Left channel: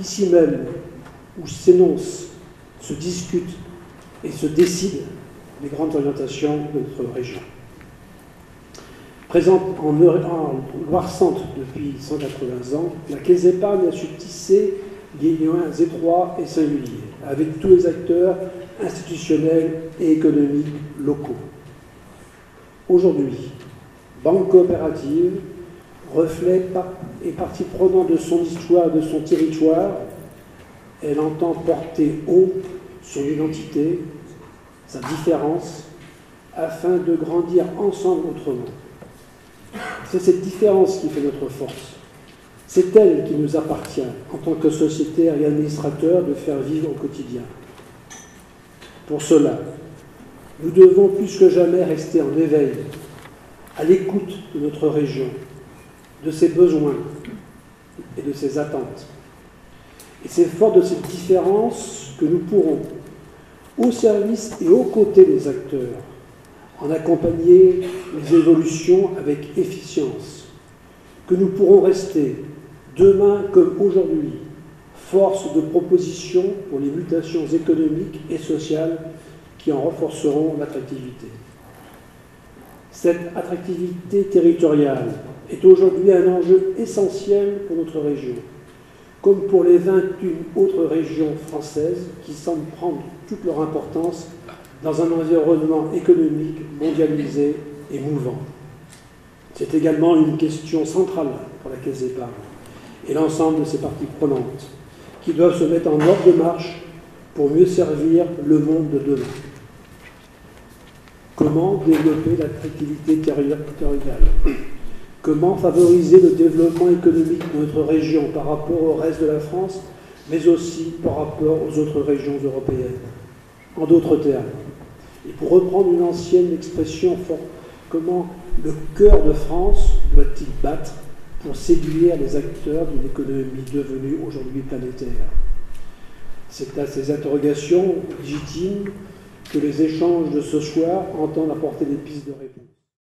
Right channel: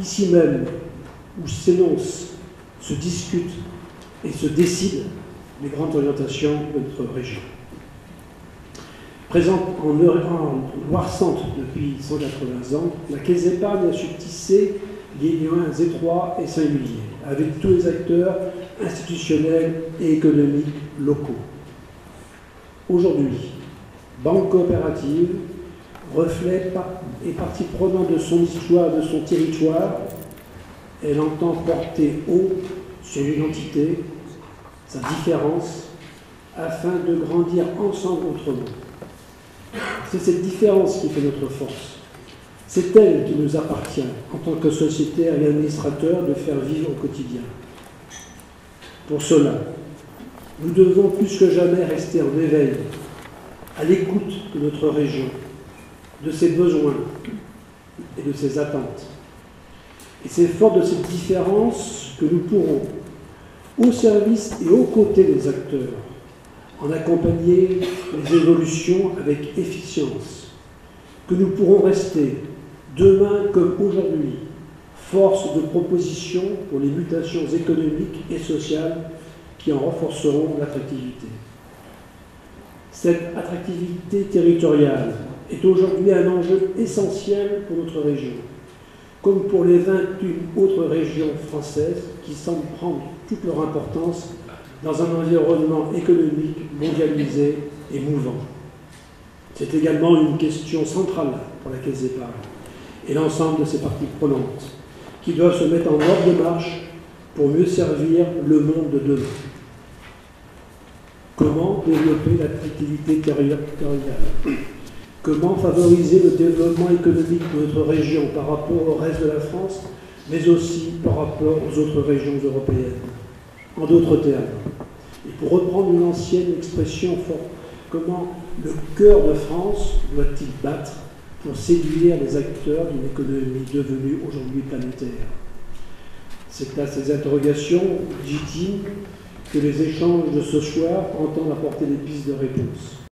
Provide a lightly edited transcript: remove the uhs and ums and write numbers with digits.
ici même, où s'énoncent, se discutent et se décident les grandes orientations de notre région. Présente en Loire-Centre depuis 180 ans, la Caisse d'épargne a su tisser des liens étroits et singuliers avec tous les acteurs institutionnels et économiques locaux. Aujourd'hui, banque coopérative, reflet et partie prenante de son histoire, de son territoire, elle entend porter haut son identité, sa différence, afin de grandir ensemble autrement. C'est cette différence qui fait notre force. C'est elle qui nous appartient, en tant que sociétaire et administrateur, de faire vivre au quotidien. Pour cela, nous devons plus que jamais rester en éveil, à l'écoute de notre région, de ses besoins et de ses attentes. Et c'est fort de cette différence que nous pourrons, au service et aux côtés des acteurs, en accompagner les évolutions avec efficience, que nous pourrons rester, demain comme aujourd'hui, force de proposition pour les mutations économiques et sociales qui en renforceront l'attractivité. Cette attractivité territoriale est aujourd'hui un enjeu essentiel pour notre région, comme pour les 21 autres régions françaises qui semblent prendre toute leur importance dans un environnement économique mondialisé et mouvant. C'est également une question centrale pour la Caisse d'épargne et l'ensemble de ses parties prenantes, qui doivent se mettre en ordre de marche pour mieux servir le monde de demain. Comment développer l'attractivité territoriale? Comment favoriser le développement économique de notre région par rapport au reste de la France, mais aussi par rapport aux autres régions européennes? En d'autres termes, et pour reprendre une ancienne expression forte, comment le cœur de France doit-il battre pour séduire les acteurs d'une économie devenue aujourd'hui planétaire? C'est à ces interrogations légitimes que les échanges de ce soir entendent apporter des pistes de réponse.